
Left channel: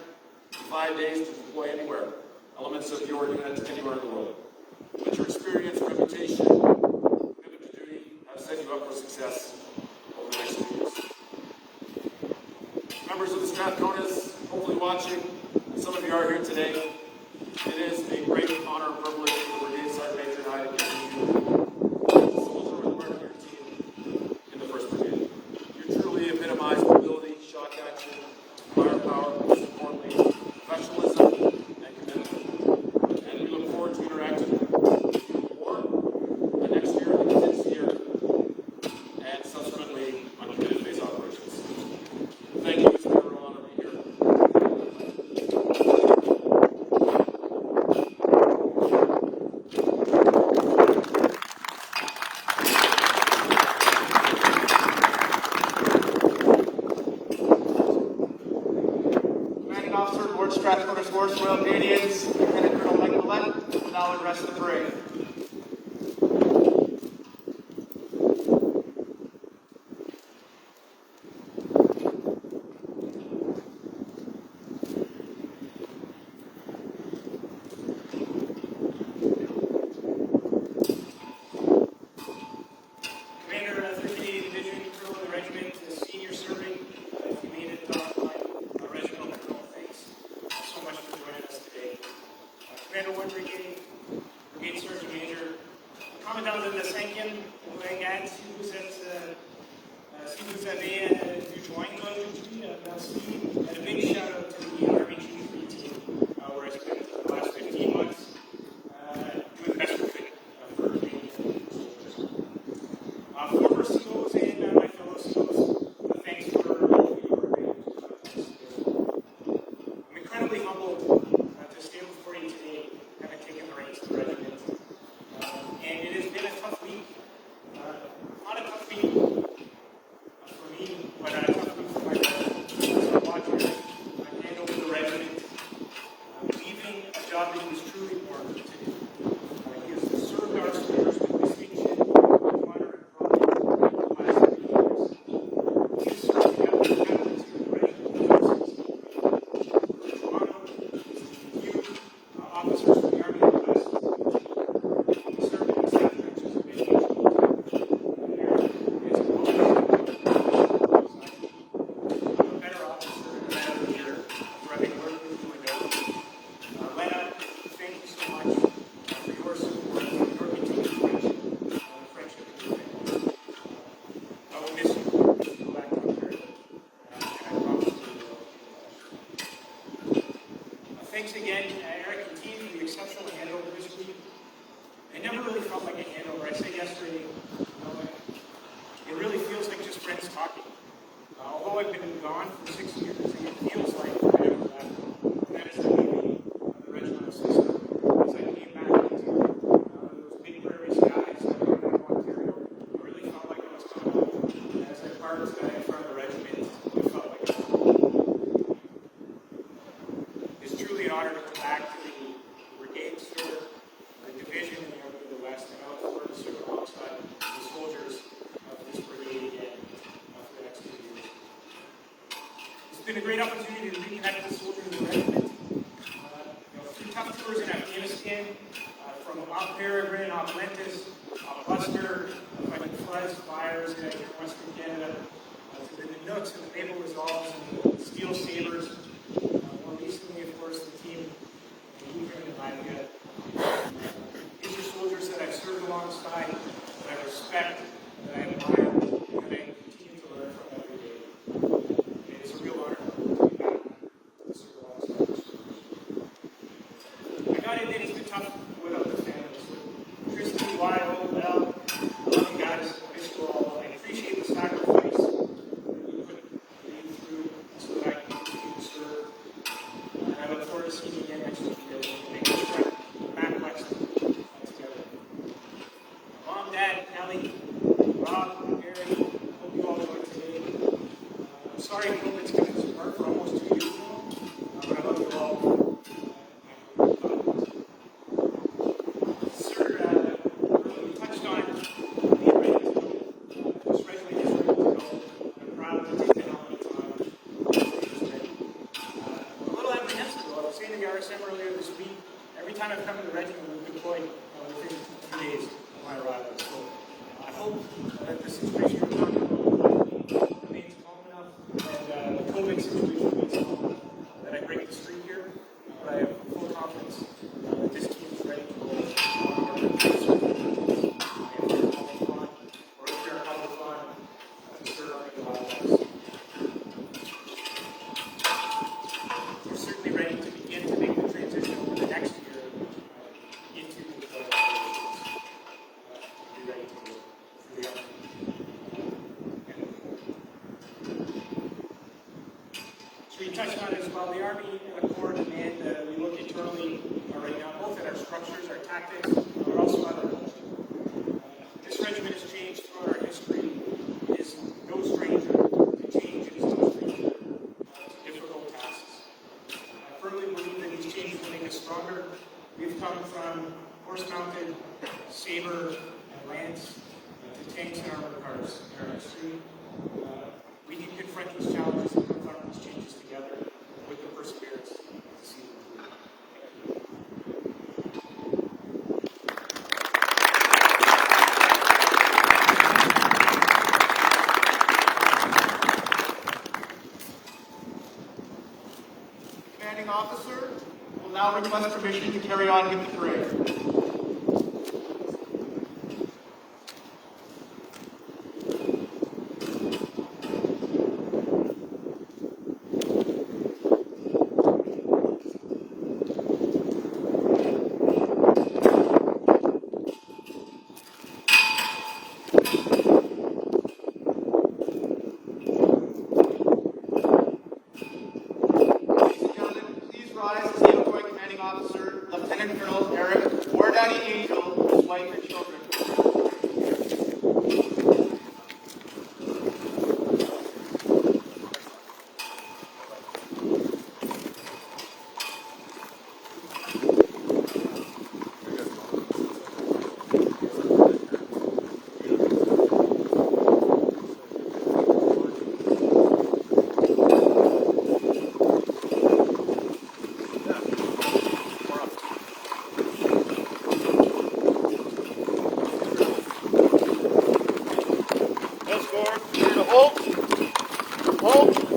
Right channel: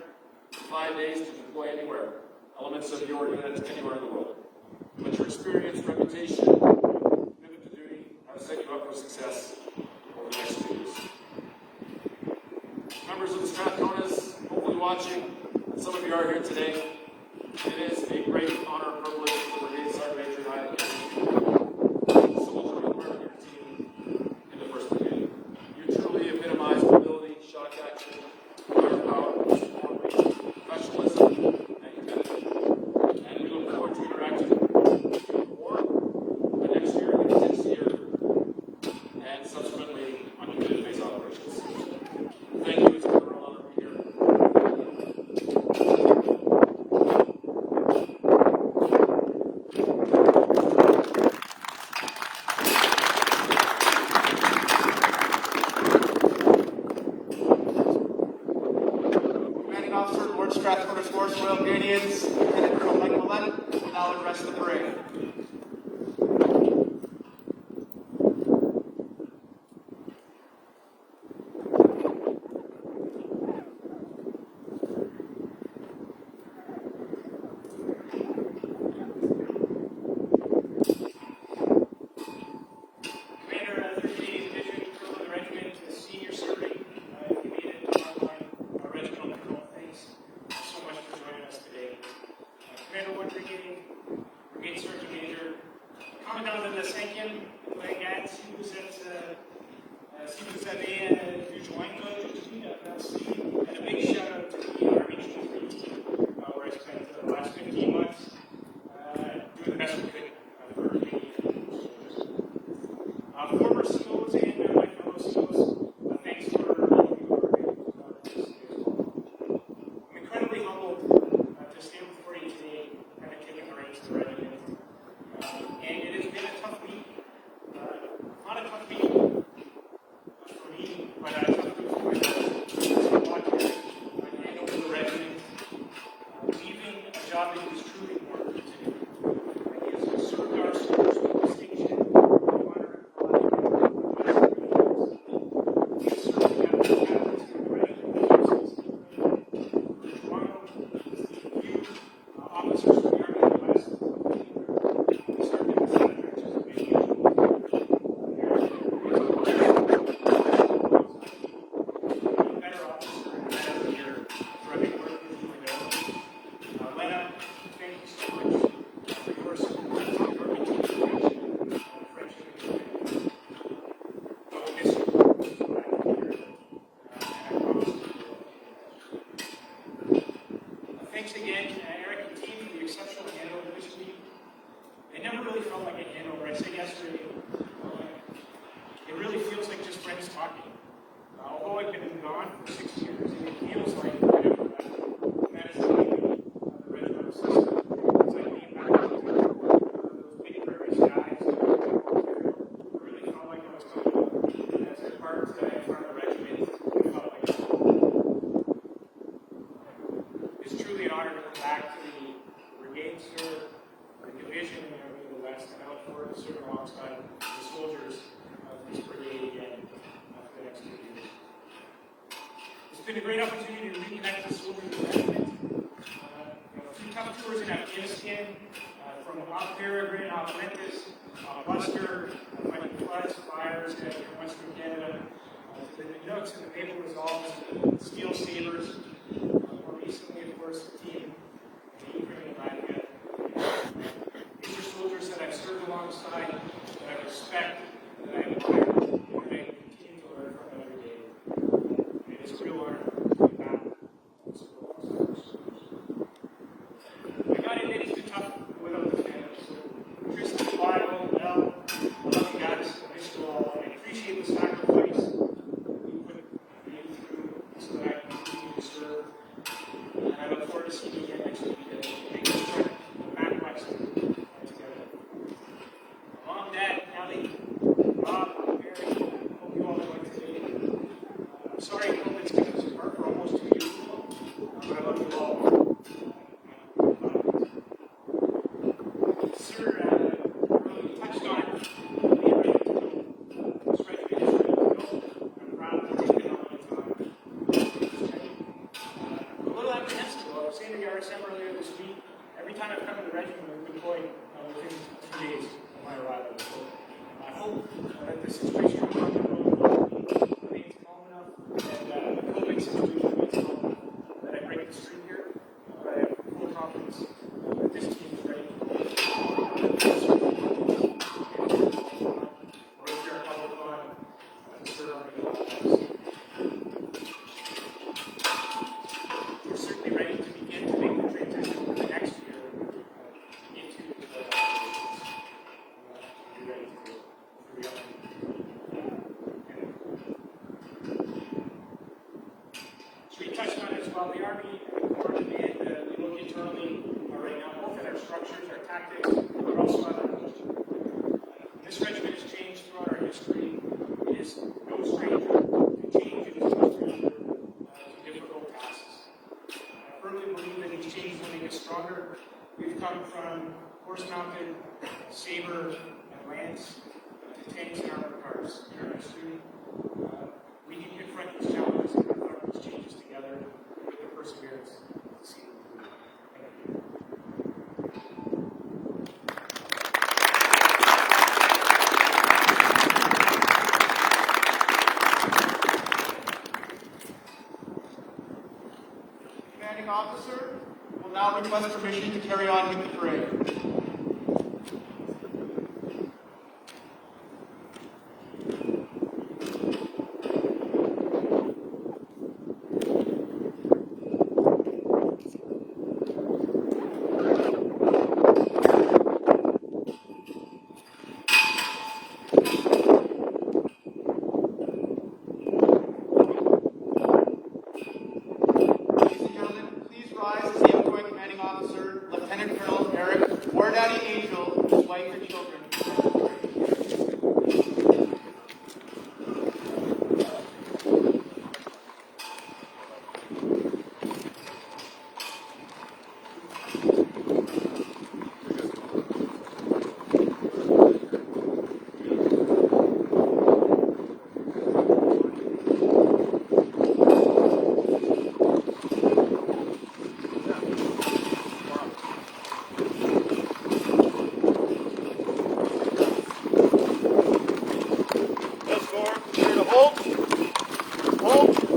5 days to deploy anywhere. Elements of your unit anywhere in the world. But your experience, reputation, commitment to duty have set you up for success over the next 2 years. Members of the staff notice, hopefully watching, and some of you are here today. It is a great honor and privilege for the LdSH Major and I to in the first beginning. You truly epitomize mobility, shot action, firepower, most importantly, professionalism, and commitment. And we look forward to interacting with you more the next year, the next year, and subsequently on community phase operations. Thank you. It's been a real honor to be here. Commanding Officer, Lord Strathmore Force Royal Canadians, Lieutenant Colonel Angell Mallette, will now address the parade. Commander of 58th Division, Artillery Regiment, to the senior serving of the Canadian Regimental Colonel. Thanks so much for joining us today. Commander Ward Brigade Sergeant Major, Commandant of the 2nd Brigade, si vous avez joined aujourd'hui merci. A big shout out to the Army Chief team, where I spent the last 15 months doing the best we could for the Canadian soldiers. Former SEALs and my fellow SEALs, thanks for your comments. I'm incredibly humbled to stand before you today, having taken the reins of the regiment. And it has been a tough week. Not a tough week for me, but a tough week for my watching and over the regiment. Keeping a job that is truly important to me. Is to serve our soldiers with distinction. Thanks again, Eric and team, for the exceptional handover this week. It never really felt like a handover. I said yesterday, it really feels like just friends talking. Although I've been gone for 6 years, it feels like that is the way the regimental system. As I came back into those big prairie skies, I really felt like I was coming home. As I parked in front of the regiment, I felt like it's truly an honor to come back to the brigades for the division in the West, and I look forward to serve alongside the soldiers of this brigade again for the next 2 years. It's been a great opportunity to reconnect with soldiers in the regiment. A few tough tours in Afghanistan, from Mount Perry, Green Hawk, Memphis, Buster, fighting floods, fires in Western Canada, to the Nooks and the Naval Resolves, and the Steel Sabres. More recently, of course, the team, the Ukraine and Latvia. These are soldiers that I serve alongside, that I respect, that I admire, and I continue to learn from every day. It is a real honor to serve alongside those soldiers. I got to admit, it's been tough without the family. So, Kristen, why I went well, looking at us, I miss you all. I appreciate the sacrifice that we put through so that I can continue to serve. And I look forward to seeing you again next week. Back west together. Mom, Dad, Kelly, touched on it as well. The Army Corps and we look internally right now, both at our structures, our tactics, but also at our culture. This regiment has changed throughout our history. It is no stranger to change. It is no stranger to difficult tasks. I firmly believe that these changes will make us stronger. We've come from horse-mounted saber lance to tanks and armored cars in our history. We can confront these challenges and confront these changes together with the perseverance to see them through. Commanding officer will now request permission to carry on with the parade. Please rise as the outgoing commanding officer, Lieutenant Colonel Angell, his wife and children. Let's go. Clear to hold. Hold.